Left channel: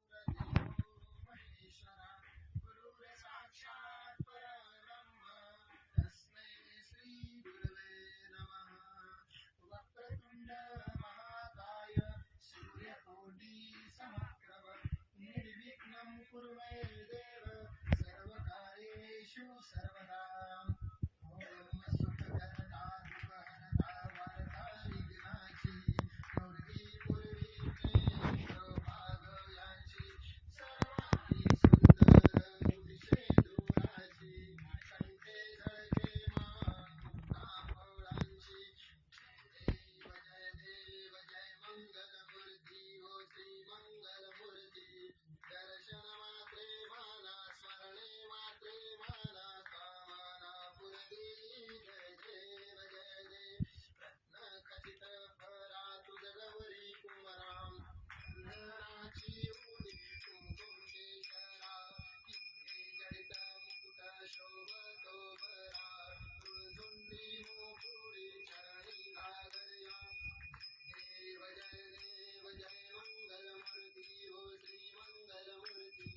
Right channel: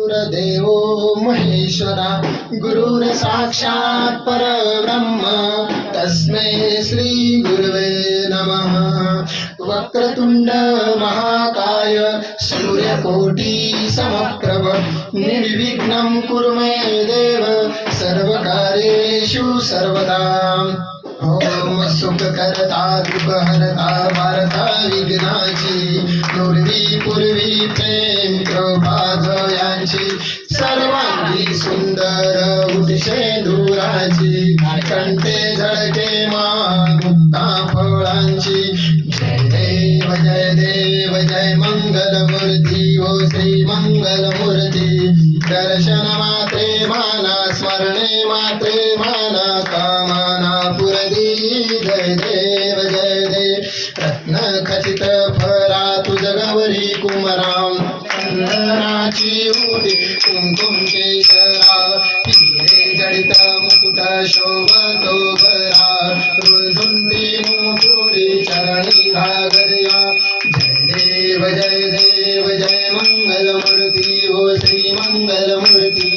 गुरुदेवो महेश्वरा गुरुर साक्षात् परब्रह्म तस्मै श्री गुरुवे नमः। वक्रतुंड महाकाय सूर्यकोटि समप्रभ निर्विघ्नं कुरु मे देव सर्वकार्येषु सर्वदा। ओम सुखकर्ता दुःखहर्ता वार्ता विघ्नाची पूर्वी पूर्वी प्रेम कृपा जयांची सर्वांगी सुंदर उठशे धुराची कंठे झळके मुक्ता फळांची। जय देव जय मंगलमूर्ती ओ श्री मंगलमूर्ती। दर्शन मात्रे माना स्मरणे मात्रे माना कामना पुरदी। जय देव रत्न खचित फरा तुझ गौरी कुमराम चंदनाची उडी कुंकुम केशरा हिरे जडित मुकुट शोभतो भरा रुजुंदी मुकुरी चरणी घागर्या। जय देव जय मंगलमूर्ती ओ श्री मंगलमूर्ती।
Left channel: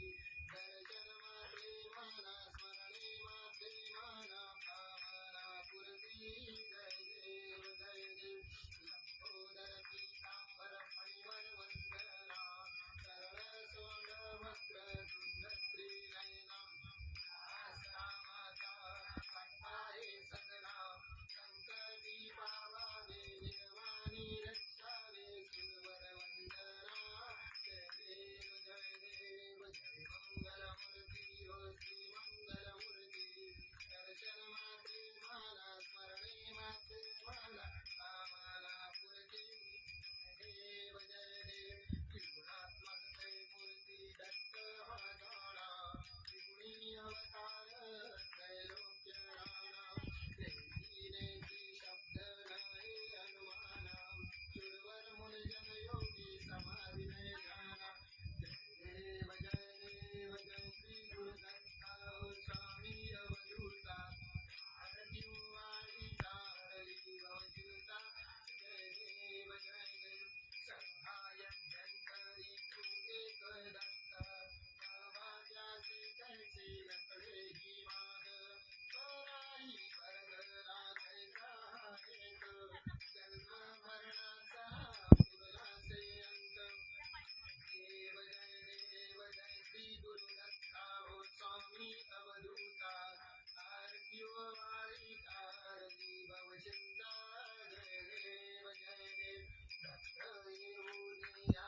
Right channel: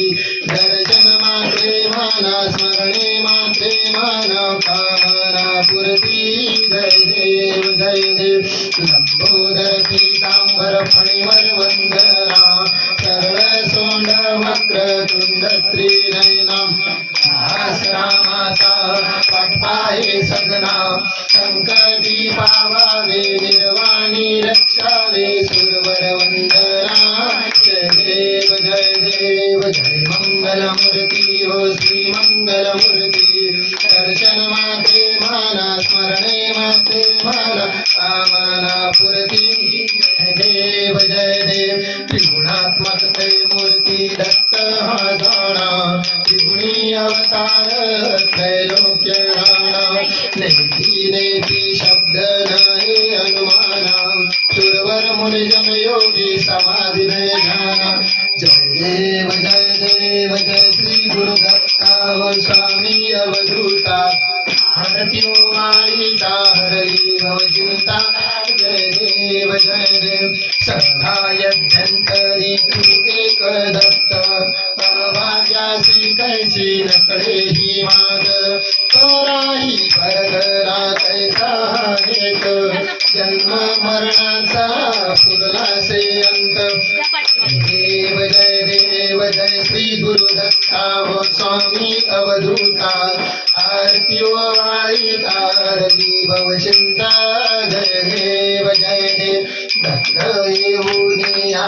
दर्शन मात्रे माना स्मरणे मात्रे माना कामना पुरती। जय देव लंबोदर पीतांबर फणिवर वंदना सरळ सोंड वक्रतुंड त्रिनयना। रामाचा पाठपाहे सगना संकटी पावावे निर्वाणी रक्षावे सुरवर वंदना। जय देव जय मंगलमूर्ती ओ श्री मंगलमूर्ती। दर्शन मात्रे माना स्मरणे मात्रे माना कामना पुरती। जय देव त्रिगुणात्मक ते मूर्ती दत्त हा जाणा त्रिगुणी अवतार त्रैलोक्य राणा। नेती नेती शब्द नाही अनुमाना सुरवर मुनिजन योगी समाधी ध्याना। जय देव जय श्री गुरुदत्ता व स्वामी अवधूता हरती वाळीता हरली भवचिंता। जय देव सहायभ्यंतरी तू एक दत्त भाग्यासी कैची नकडे ही माग तोराही परगरा कैसा एक जन्म मरणाचा पुरलासे अंत। देव जय श्री गुरुदत्ता व स्वामी अवधूता आरती वाळीता हरली भवचिंता। जय देव दत्त येऊन या